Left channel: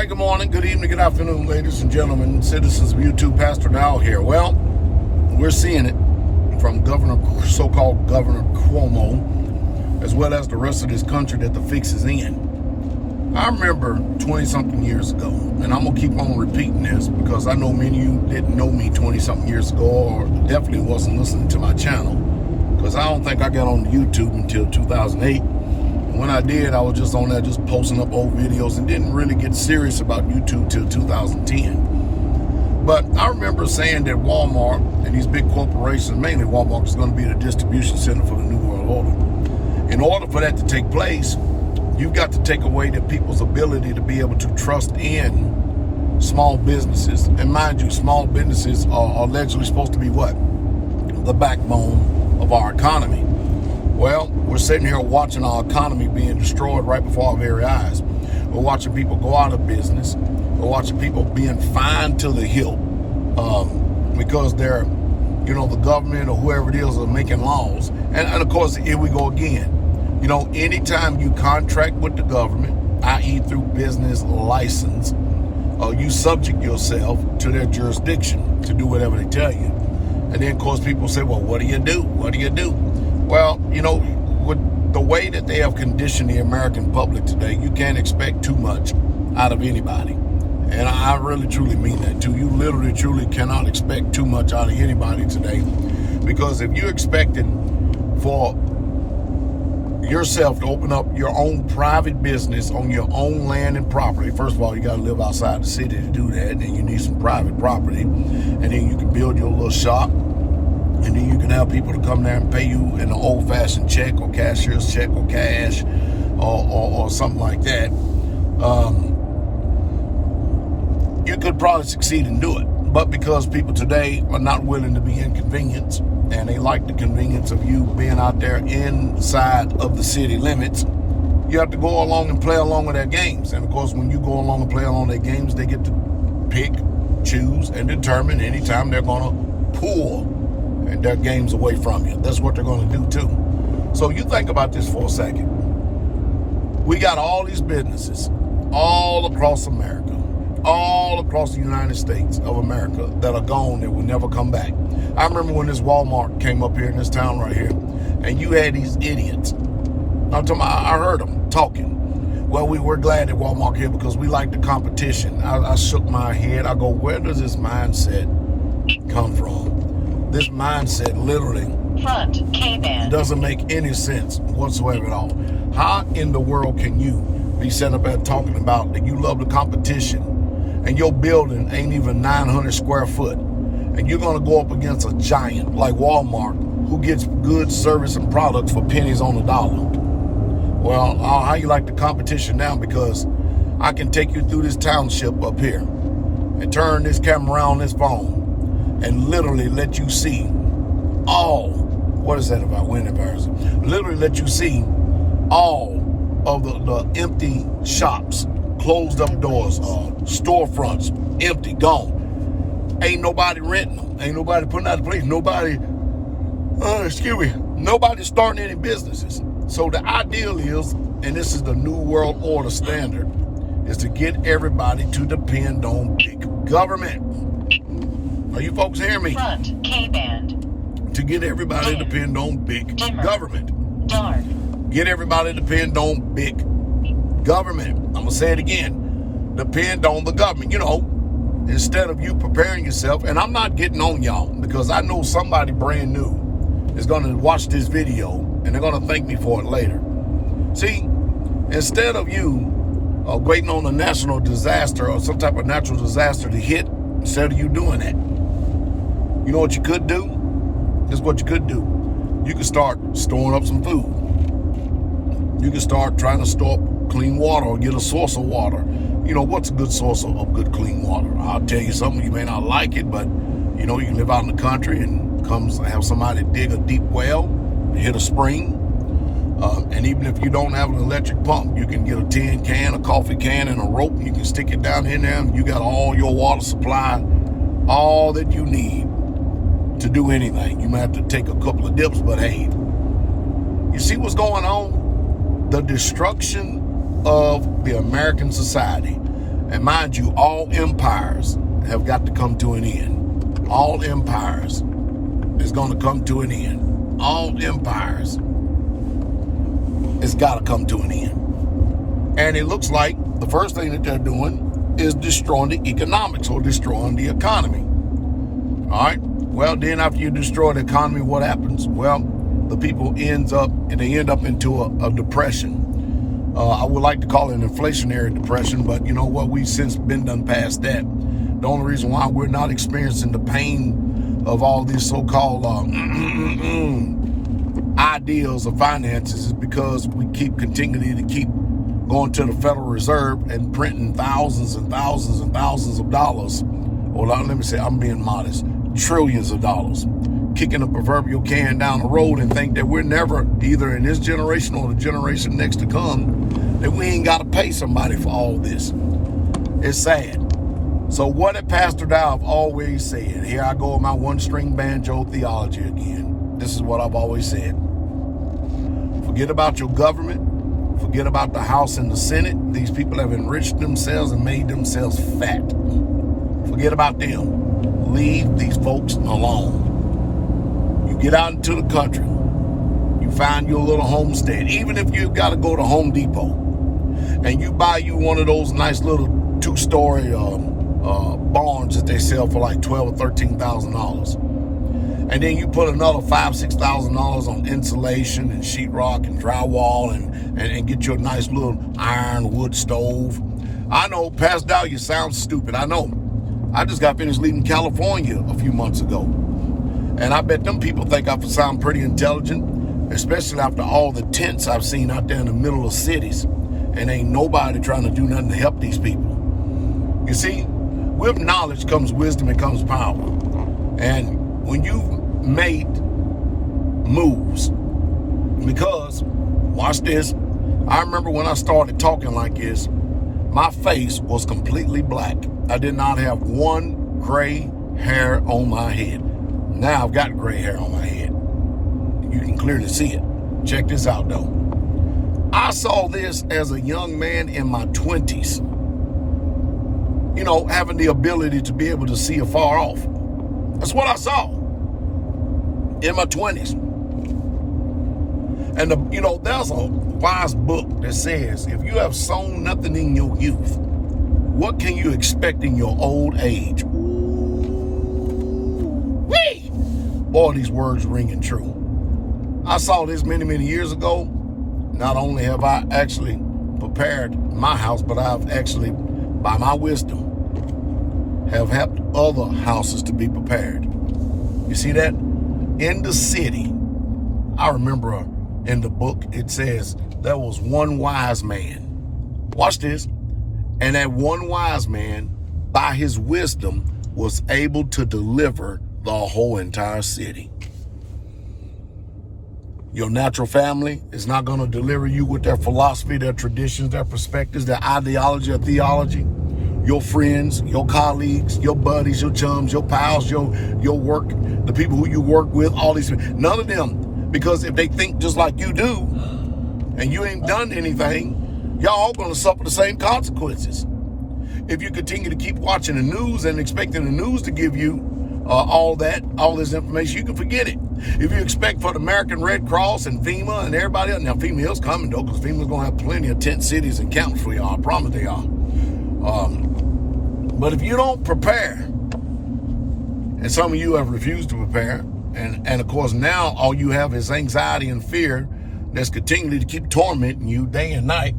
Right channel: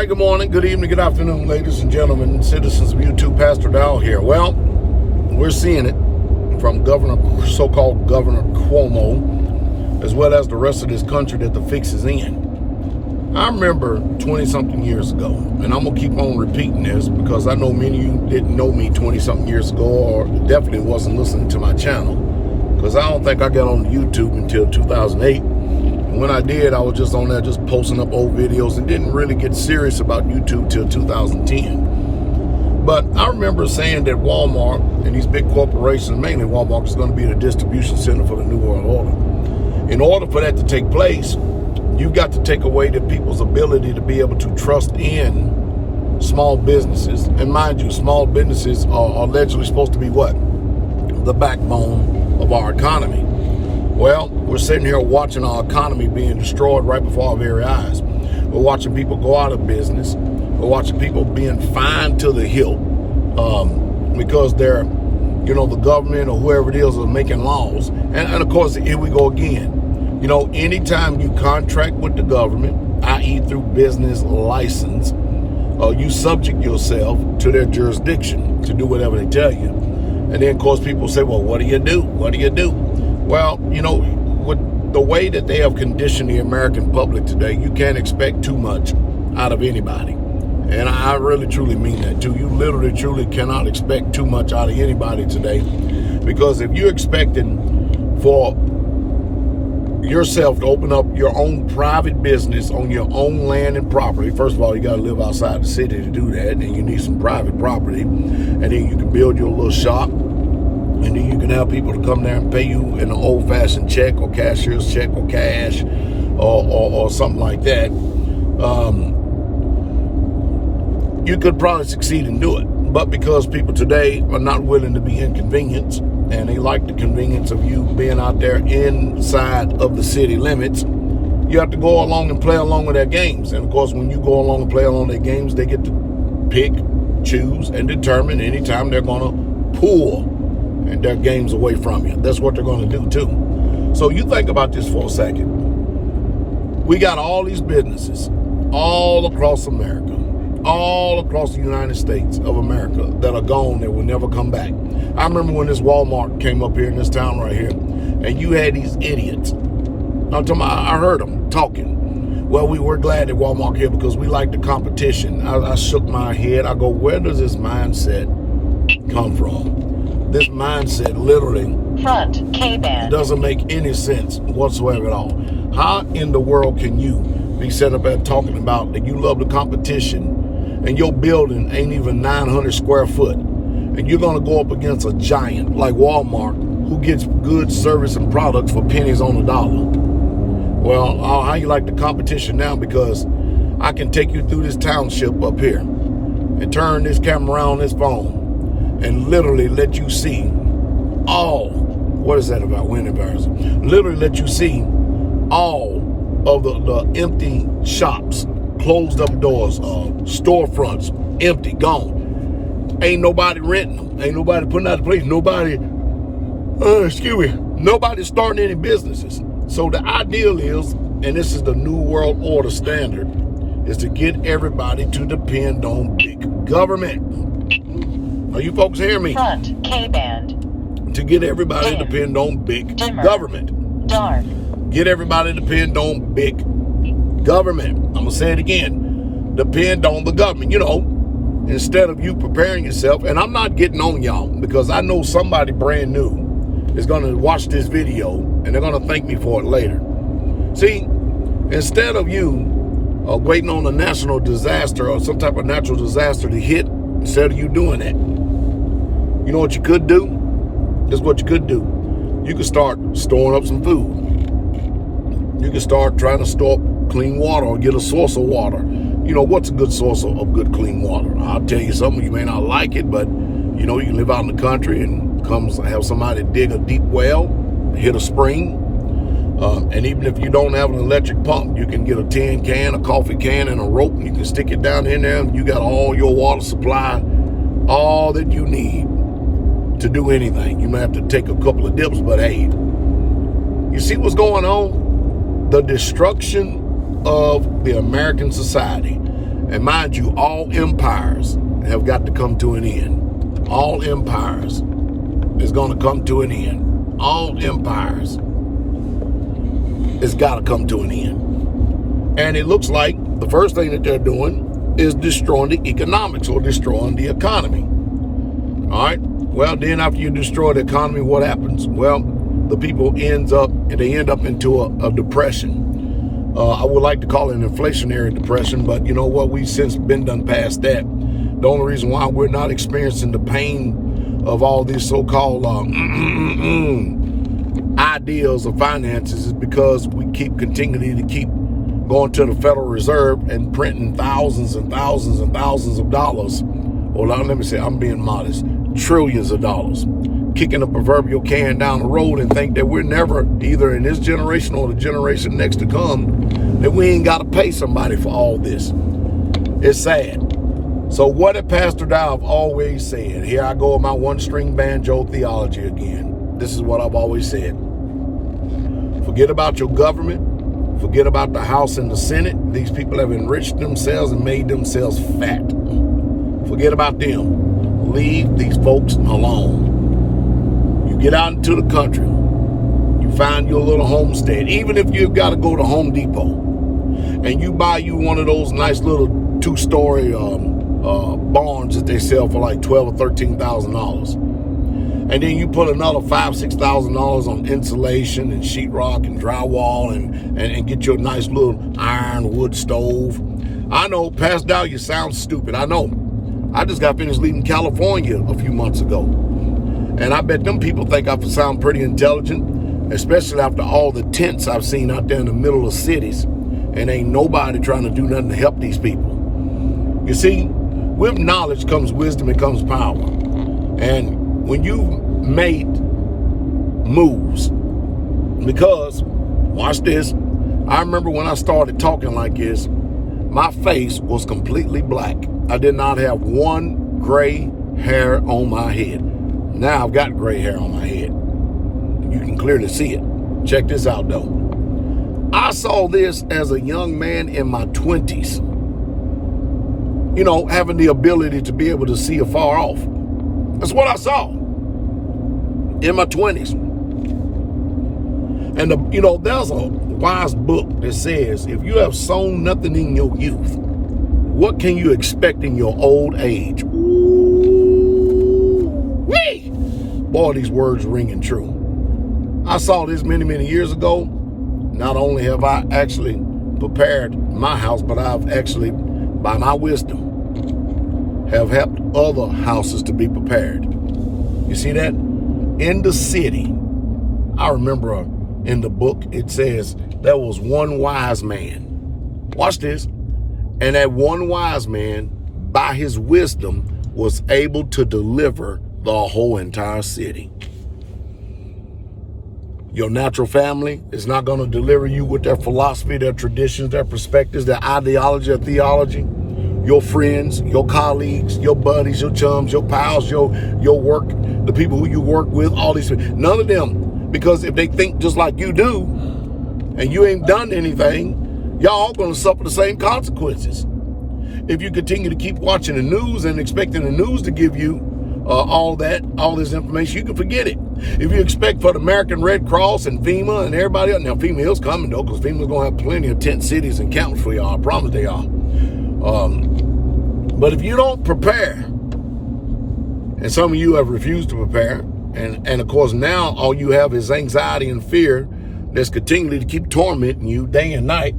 right, good morning, good evening, good afternoon, ladies and gentlemen, citizens of YouTube. Pastor Dowell here. Well, we're seeing it from so-called Governor Cuomo, as well as the rest of this country, that the fix is in. I remember 20-something years ago, and I'm going to keep on repeating this because I know many of you didn't know me 20-something years ago, or definitely wasn't listening to my channel, because I don't think I got on YouTube until 2008. When I did, I was just on there just posting up old videos and didn't really get serious about YouTube till 2010. But I remember saying that Walmart and these big corporations, mainly Walmart, is going to be the distribution center for the New World Order. In order for that to take place, you've got to take away the people's ability to be able to trust in small businesses. And mind you, small businesses are allegedly supposed to be what? The backbone of our economy. Well, we're sitting here watching our economy being destroyed right before our very eyes. We're watching people go out of business. We're watching people being fined to the hilt because they're, the government or whoever it is are making laws. And of course, here we go again. Anytime you contract with the government, i.e. through business license, you subject yourself to their jurisdiction to do whatever they tell you. And then, of course, people say, well, what do you do? What do you do? Well, with the way that they have conditioned the American public today, you can't expect too much out of anybody. And I really, truly mean that, too. You literally, truly cannot expect too much out of anybody today. Because if you're expecting for yourself to open up your own private business on your own land and property, first of all, you got to live outside the city to do that. And you need some private property. And then you can build your little shop. And then you can have people to come there and pay you in an old-fashioned check or cashier's check or cash or something like that. You could probably succeed and do it. But because people today are not willing to be inconvenienced, and they like the convenience of you being out there inside of the city limits, you have to go along and play along with their games. And, of course, when you go along and play along their games, they get to pick, choose, and determine anytime they're going to pull and their games away from you. That's what they're going to do too. So you think about this for a second. We got all these businesses all across America, all across the United States of America that are gone, that will never come back. I remember when this Walmart came up here in this town right here, and you had these idiots. I'm talking about, I heard them talking. Well, we were glad that Walmart here because we like the competition. I shook my head. I go, where does this mindset come from? This mindset literally front K-band doesn't make any sense whatsoever at all. How in the world can you be set up at talking about that you love the competition and your building ain't even 900 square foot, and you're going to go up against a giant like Walmart who gets good service and products for pennies on the dollar? Well, how you like the competition now? Because I can take you through this township up here and turn this camera around this phone and literally let you see what is that about? Wind embarrassing. Literally let you see all of the empty shops, closed up doors, storefronts, empty, gone. Ain't nobody renting them. Ain't nobody putting out the place. Nobody's starting any businesses. So the ideal is, and this is the New World Order standard, is to get everybody to depend on big government. Are you folks hearing me? front K-band To get everybody to depend on big government. dark Get everybody to depend on big government. I'm going to say it again. Depend on the government. Instead of you preparing yourself, and I'm not getting on y'all because I know somebody brand new is going to watch this video and they're going to thank me for it later. See, instead of you waiting on a national disaster or some type of natural disaster to hit, instead of you doing that, you know what you could do? This is what you could do. You could start storing up some food. You can start trying to store up clean water or get a source of water. What's a good source of good clean water? I'll tell you something, you may not like it, but you can live out in the country and have somebody dig a deep well, hit a spring. And even if you don't have an electric pump, you can get a tin can, a coffee can, and a rope, and you can stick it down in there, and you got all your water supplied, all that you need to do anything. You might have to take a couple of dips, but hey, you see what's going on? The destruction of the American society. And mind you, all empires have got to come to an end. All empires is going to come to an end. All empires it's got to come to an end. And it looks like the first thing that they're doing is destroying the economics or destroying the economy. All right. Well, then after you destroy the economy, what happens? Well, the people end up into a depression. I would like to call it an inflationary depression, but you know what? We've since been done past that. The only reason why we're not experiencing the pain of all these so-called ideals of finances is because we continuing to keep going to the Federal Reserve and printing thousands and thousands and thousands of dollars. Or let me say, I'm being modest, trillions of dollars, kicking a proverbial can down the road and think that we're never, either in this generation or the generation next to come, that we ain't got to pay somebody for all this. It's sad. So what did Pastor Dowell always said? Here I go with my one-string banjo theology again. This is what I've always said. Forget about your government. Forget about the House and the Senate. These people have enriched themselves and made themselves fat. Forget about them. Leave these folks alone. You get out into the country. You find your little homestead. Even if you've got to go to Home Depot and you buy you one of those nice little two-story barns that they sell for like $12,000 or $13,000. And then you put another $5,000, $6,000 on insulation and sheetrock and drywall and get your nice little iron wood stove. I know, Pastor Dowell, you sound stupid. I know. I just got finished leaving California a few months ago. And I bet them people think I sound pretty intelligent, especially after all the tents I've seen out there in the middle of cities. And ain't nobody trying to do nothing to help these people. You see, with knowledge comes wisdom and comes power. And when you made moves, because, watch this, I remember when I started talking like this, my face was completely black. I did not have one gray hair on my head. Now I've got gray hair on my head. You can clearly see it. Check this out though. I saw this as a young man in my 20s. You know, having the ability to be able to see afar off. That's what I saw in my 20s. And, there's a wise book that says, if you have sown nothing in your youth, what can you expect in your old age? Ooh-wee! Boy, these words ringing true. I saw this many, many years ago. Not only have I actually prepared my house, but I've actually, by my wisdom, have helped other houses to be prepared. You see that? In the city, I remember in the book, it says there was one wise man. Watch this. And that one wise man, by his wisdom, was able to deliver the whole entire city. Your natural family is not going to deliver you with their philosophy, their traditions, their perspectives, their ideology or theology. Your friends, your colleagues, your buddies, your chums, your pals, your work, the people who you work with, all these, none of them. Because if they think just like you do, and you ain't done anything, y'all all going to suffer the same consequences. If you continue to keep watching the news and expecting the news to give you all this information, you can forget it. If you expect for the American Red Cross and FEMA and everybody else, now FEMA is coming though, because FEMA's going to have plenty of tent cities and camps for y'all. I promise they are. But if you don't prepare, and some of you have refused to prepare, and of course now all you have is anxiety and fear that's continually to keep tormenting you day and night,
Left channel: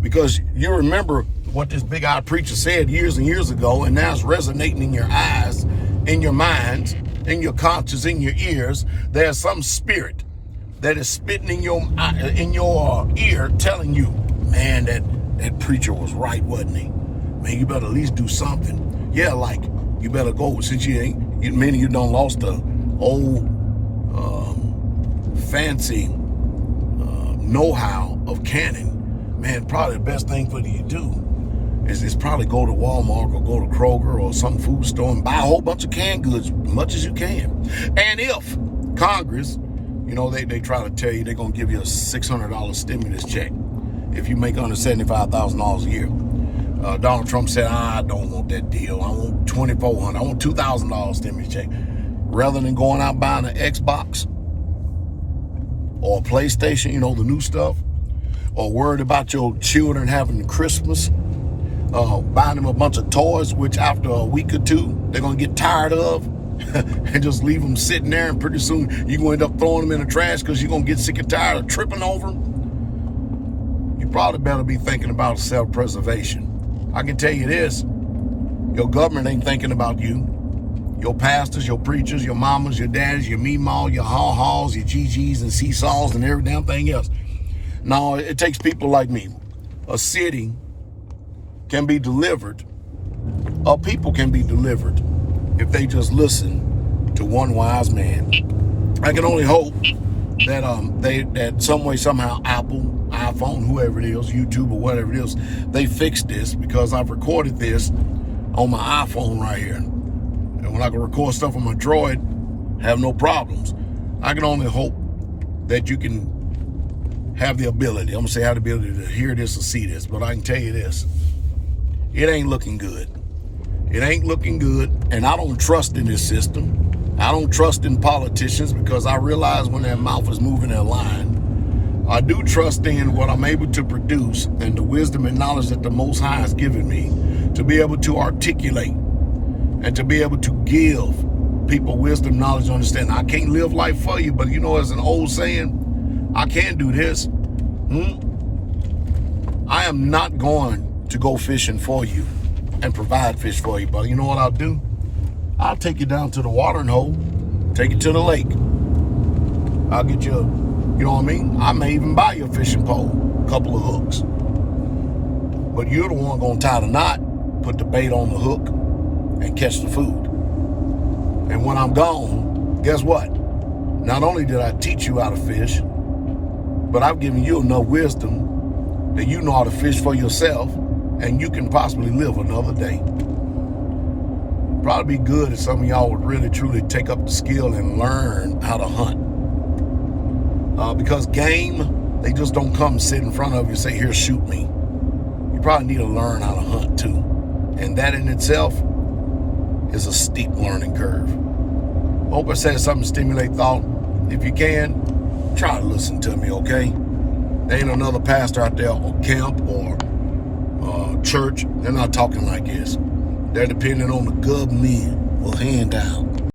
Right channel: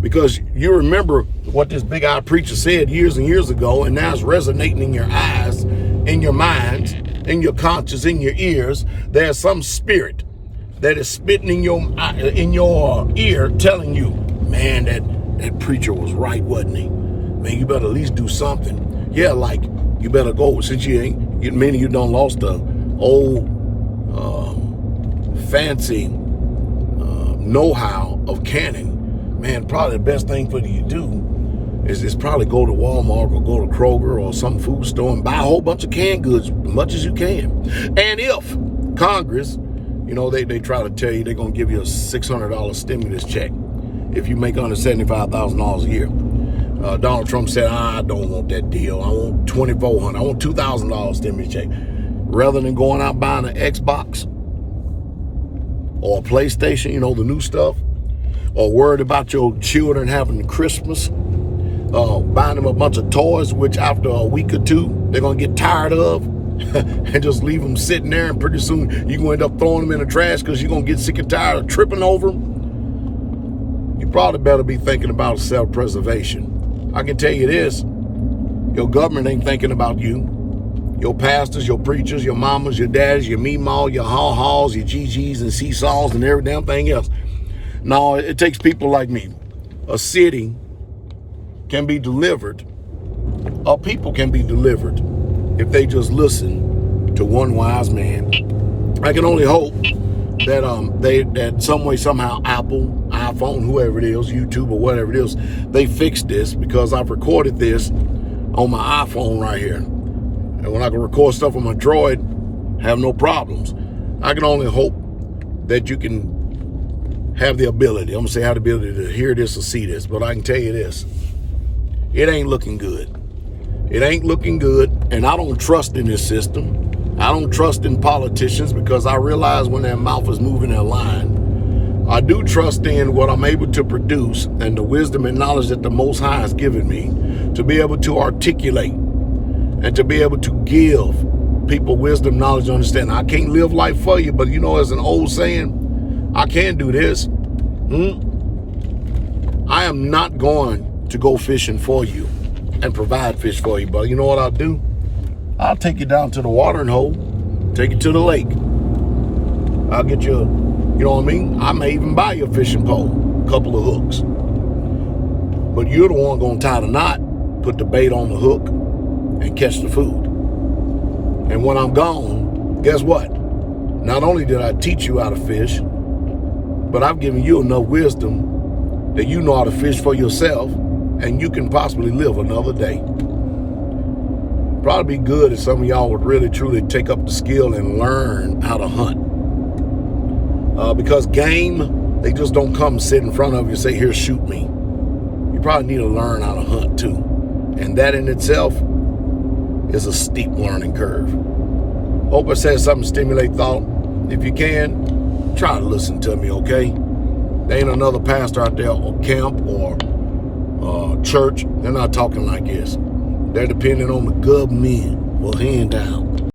because you remember what this big-eyed preacher said years and years ago, and now it's resonating in your eyes, in your minds, in your conscience, in your ears. There's some spirit that is spitting in your ear telling you, man, that preacher was right, wasn't he? Man, you better at least do something. Yeah, like you better go, since many of you done lost the old fancy know-how of canning. Man, probably the best thing for you to do is probably go to Walmart or go to Kroger or some food store and buy a whole bunch of canned goods, as much as you can. And if Congress, they try to tell you they're going to give you a $600 stimulus check if you make under $75,000 a year. Donald Trump said, I don't want that deal. I want $2,400. I want $2,000 stimulus check. Rather than going out buying an Xbox or a PlayStation, the new stuff, or worried about your children having Christmas, buying them a bunch of toys, which after a week or two, they're going to get tired of and just leave them sitting there. And pretty soon you're going to end up throwing them in the trash because you're going to get sick and tired of tripping over them. You probably better be thinking about self-preservation. I can tell you this, your government ain't thinking about you. Your pastors, your preachers, your mamas, your daddies, your meemaw, your haw-haws, your GGs and seesaws and every damn thing else. No, it takes people like me. A city can be delivered, or people can be delivered if they just listen to one wise man. I can only hope that that some way, somehow, Apple, iPhone, whoever it is, YouTube or whatever it is, they fix this, because I've recorded this on my iPhone right here. And when I can record stuff on my Droid, have no problems. I can only hope that you can have the ability, I'm going to say have the ability to hear this or see this, but I can tell you this, it ain't looking good. It ain't looking good, and I don't trust in this system. I don't trust in politicians, because I realize when their mouth is moving their line. I do trust in what I'm able to produce and the wisdom and knowledge that the Most High has given me to be able to articulate and to be able to give people wisdom, knowledge, understanding. I can't live life for you, but as an old saying, I can do this. I am not going to go fishing for you and provide fish for you, but you know what I'll do? I'll take you down to the watering hole, take you to the lake. I'll get you, I may even buy you a fishing pole, a couple of hooks. But you're the one going to tie the knot, put the bait on the hook, and catch the food. And when I'm gone, guess what? Not only did I teach you how to fish, but I've given you enough wisdom that you know how to fish for yourself, and you can possibly live another day. Probably be good if some of y'all would really, truly take up the skill and learn how to hunt. Because game, they just don't come sit in front of you and say, here, shoot me. You probably need to learn how to hunt too. And that in itself is a steep learning curve. Hope I said something to stimulate thought. If you can, try to listen to me, okay? There ain't another pastor out there or camp or church. They're not talking like this. They're depending on the government. Well, hand down.